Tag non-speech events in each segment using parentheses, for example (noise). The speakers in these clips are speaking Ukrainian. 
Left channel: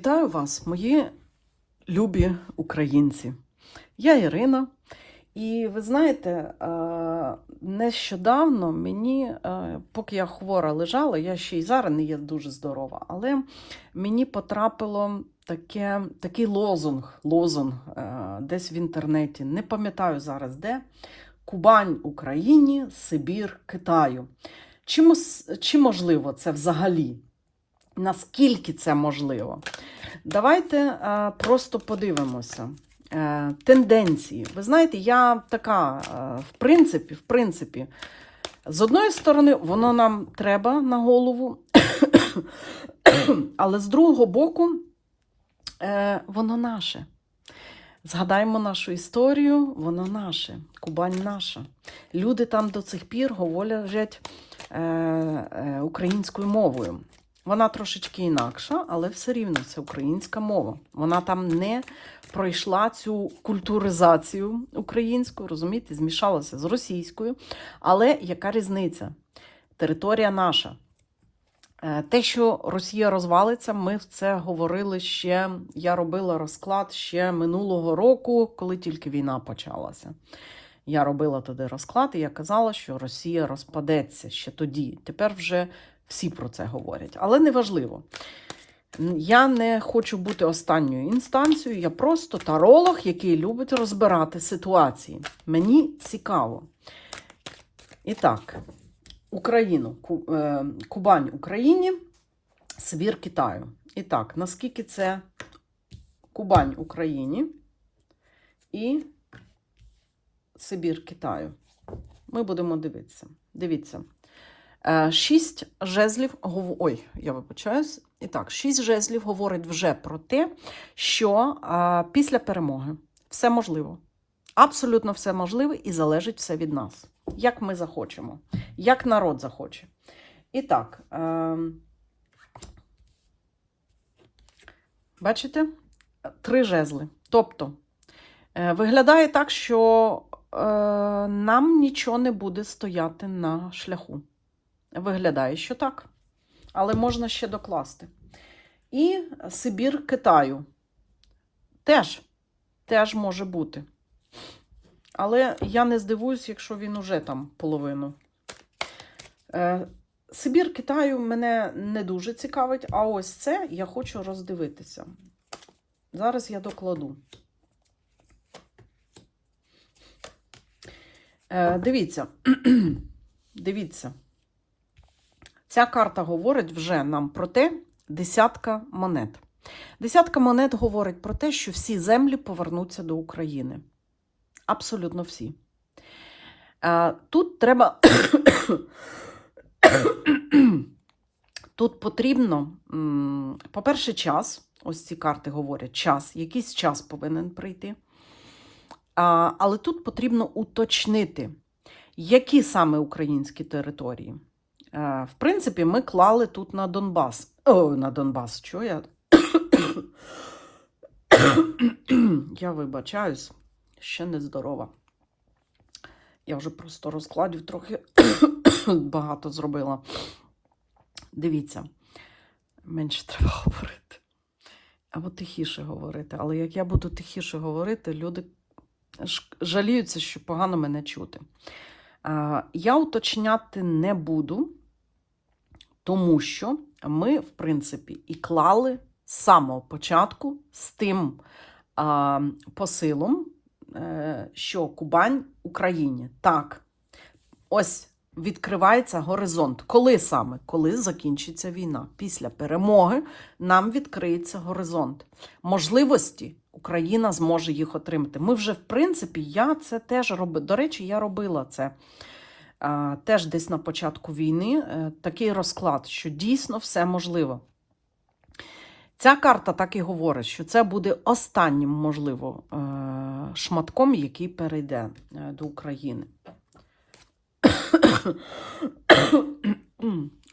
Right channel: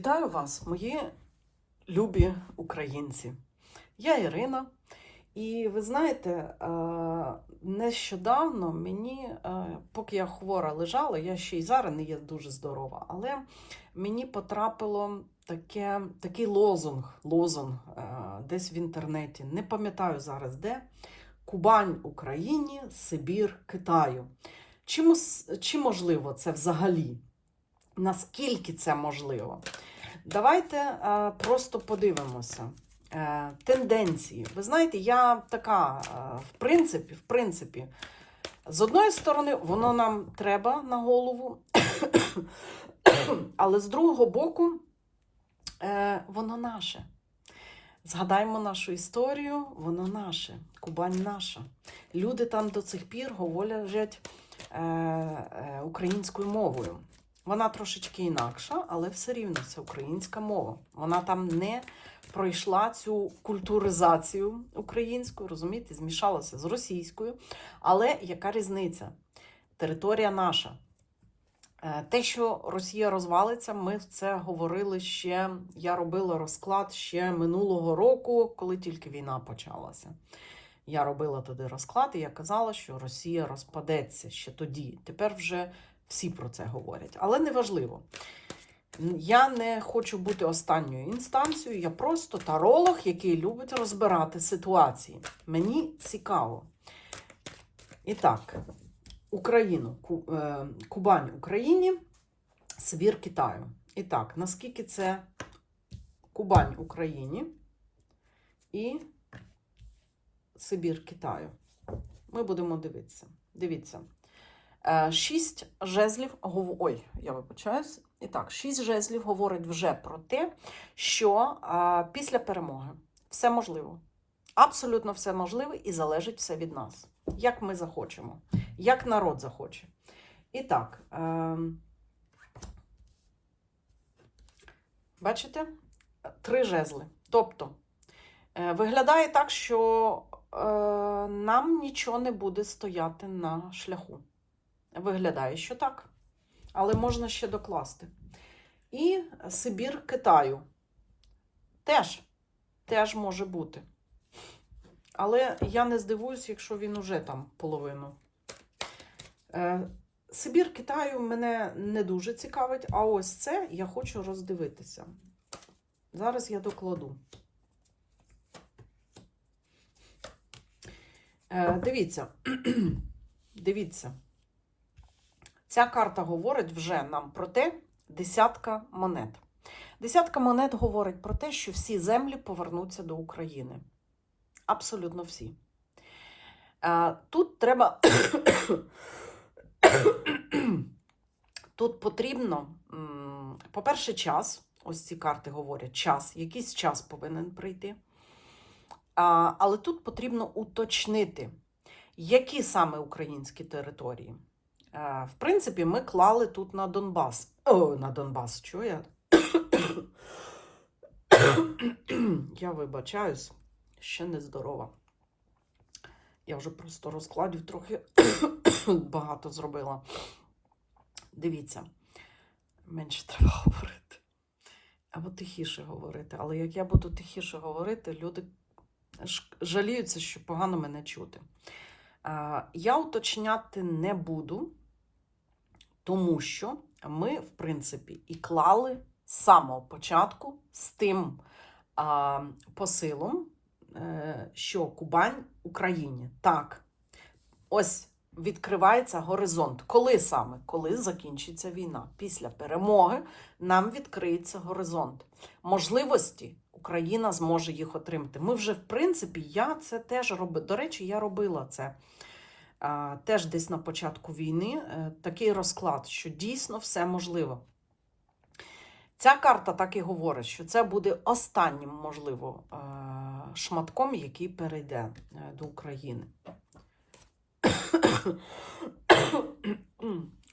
Вітаю вас, мої любі українці. Я Ірина, і ви знаєте, нещодавно мені, поки я хвора лежала, я ще й зараз не є дуже здорова, але мені потрапило таке, такий лозунг, лозунг е, десь в інтернеті, не пам'ятаю зараз де. Кубань Україні, Сибір Китаю. Чи, чи можливо це взагалі? Наскільки це можливо? Давайте е, просто подивимося. Е, тенденції. Ви знаєте, я така, е, в принципі, в принципі, з одної сторони, воно нам треба на голову, (coughs) але з другого боку, воно наше. Згадаємо нашу історію, воно наше, Кубань наша. Люди там до цих пір говорять українською мовою. Вона трошечки інакша, але все рівно це українська мова. Вона там не пройшла цю культуризацію українську, розумієте, змішалася з російською. Але яка різниця? Територія наша. Е, Те, що Росія розвалиться, ми в це говорили ще. Я робила розклад ще минулого року, коли тільки війна почалася. Я робила тоді розклад, і я казала, що Росія розпадеться ще тоді. Тепер вже всі про це говорять. Але неважливо. Я не хочу бути останньою інстанцією, я просто таролог, який любить розбирати ситуації. Мені цікаво. І так, Україну, е, Кубань Україні, Сибір Китаю. І так, наскільки це Кубань Україні і Сибір Китаю? Ми будемо дивитися. Дивіться. Е, Шість жезлів Ой, я вибачаюсь. І так, шість жезлів говорить вже про те, що е, після перемоги все можливо. Абсолютно все можливе і залежить все від нас. Як ми захочемо, як народ захоче. І так, е, бачите? Три жезли. Тобто, е, виглядає так, що е, нам нічого не буде стояти на шляху. Виглядає, що так. Але можна ще докласти. І Сибір Китаю. Теж, теж може бути. Але я не здивуюсь, якщо він уже там половину. Е, Сибір Китаю мене не дуже цікавить, а ось це я хочу роздивитися. Зараз я докладу. Е, дивіться, (clears throat) дивіться. Ця карта говорить вже нам про те, десятка монет. Десятка монет говорить про те, що всі землі повернуться до України. Абсолютно всі. Е, Тут треба. (coughs) Тут потрібно, по-перше, час. Ось ці карти говорять, час, якийсь час повинен прийти. Але тут потрібно уточнити, які саме українські території. Е, В принципі, ми клали тут на Донбас. О, на Донбас, що я? я вибачаюсь, ще не здорова. Я вже просто розкладів трохи багато зробила. Дивіться, менше треба говорити. Або тихіше говорити. Але як я буду тихіше говорити, люди жаліються, що погано мене чути. Е, Я уточняти не буду, тому що ми, в принципі, і клали з самого початку з тим а, посилом, е, що Кубань Україні. Так, ось відкривається горизонт. Коли саме? Коли закінчиться війна? Після перемоги нам відкриється горизонт. Можливості Україна зможе їх отримати. Ми вже, в принципі, я це теж робила. До речі, я робила це теж десь на початку війни. е, Такий розклад, що дійсно все можливо. Ця карта так і говорить, що це буде останнім, можливо, е, шматком, який перейде е, до України. (coughs)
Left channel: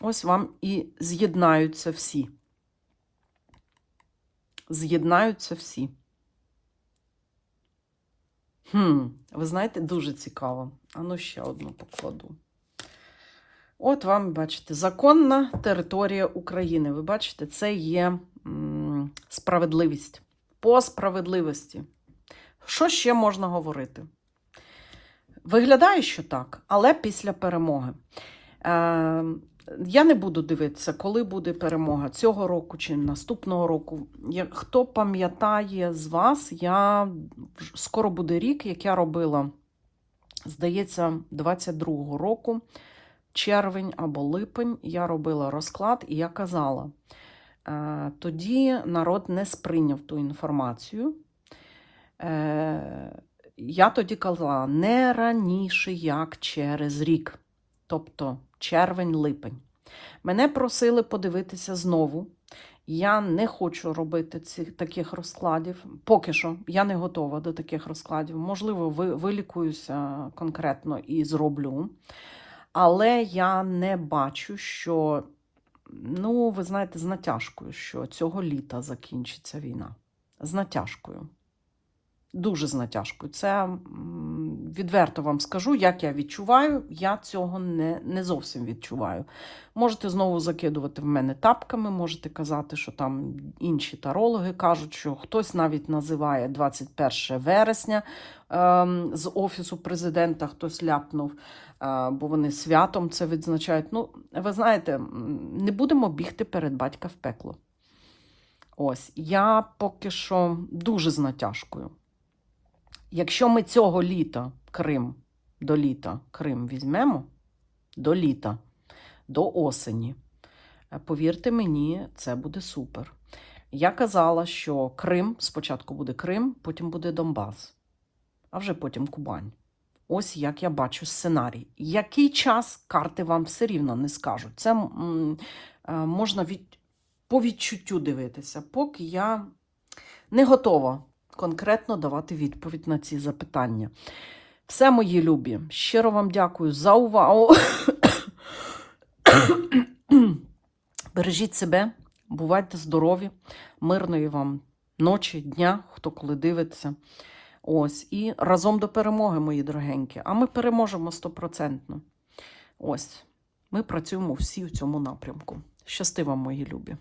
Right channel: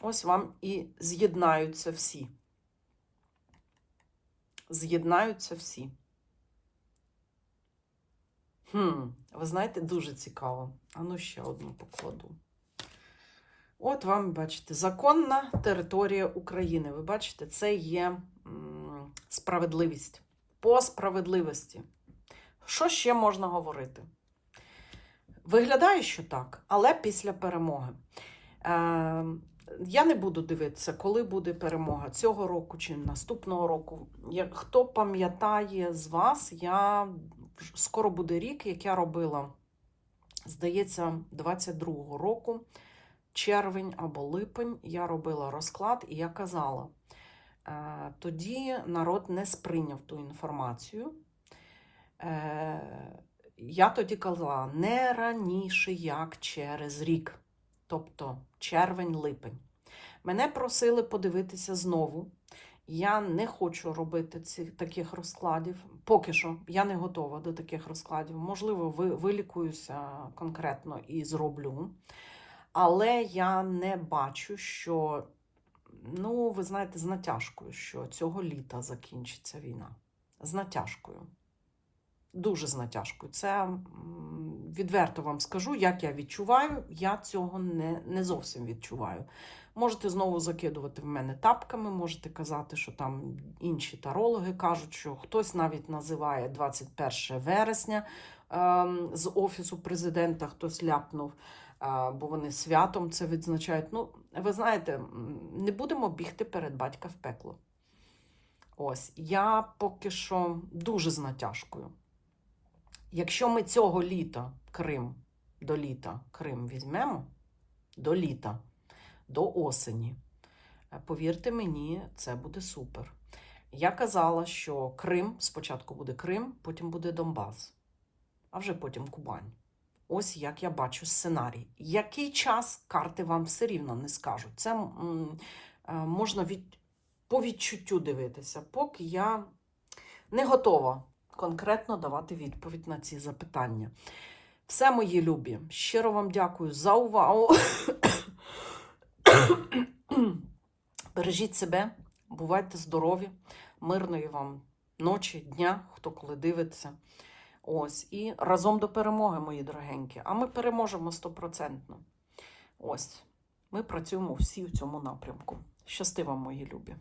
Ось вам і з'єднаються всі. З'єднаються всі. Хм, ви знаєте, дуже цікаво. А ну ще одну покладу. От вам, бачите, законна територія України. Ви бачите, це є м, справедливість. По справедливості. Що ще можна говорити? Виглядає, що так, але після перемоги. Е, я не буду дивитися, коли буде перемога цього року чи наступного року. Хто пам'ятає з вас, я скоро буде рік, як я робила, здається, 22-го року, червень або липень, я робила розклад, і я казала. е, Тоді народ не сприйняв ту інформацію. Е, Я тоді казала не раніше, як через рік, тобто червень-липень. Мене просили подивитися знову. Я не хочу робити цих таких розкладів. Поки що я не готова до таких розкладів. Можливо, ви, вилікуюся конкретно і зроблю. Але я не бачу, що, ну, ви знаєте, з натяжкою, що цього літа закінчиться війна. З натяжкою. Дуже з натяжкою. Це відверто вам скажу, як я відчуваю. Я цього не, не зовсім відчуваю. Можете знову закидувати в мене тапками, можете казати, що там інші тарологи кажуть, що хтось навіть називає 21 вересня ем, з офісу президента, хтось ляпнув, е, бо вони святом це відзначають. Ну, ви знаєте, не будемо бігти перед батька в пекло. Ось, я поки що дуже з натяжкою. Якщо ми цього літа Крим до літа Крим візьмемо, до літа, до осені, е, повірте мені, це буде супер. Я казала, що Крим спочатку буде Крим, потім буде Донбас, а вже потім Кубань. Ось як я бачу сценарій. Який час карти вам все рівно не скажуть. Це м, е, можна від, по відчуттю дивитися, поки я не готова конкретно давати відповідь на ці запитання. Все, мої любі, щиро вам дякую за увагу. Бережіть себе, бувайте здорові, мирної вам ночі, дня, хто коли дивиться. Ось, і разом до перемоги, мої дорогенькі. А ми переможемо стопроцентно. Ось, ми працюємо всі в цьому напрямку. Щасти вам, мої любі!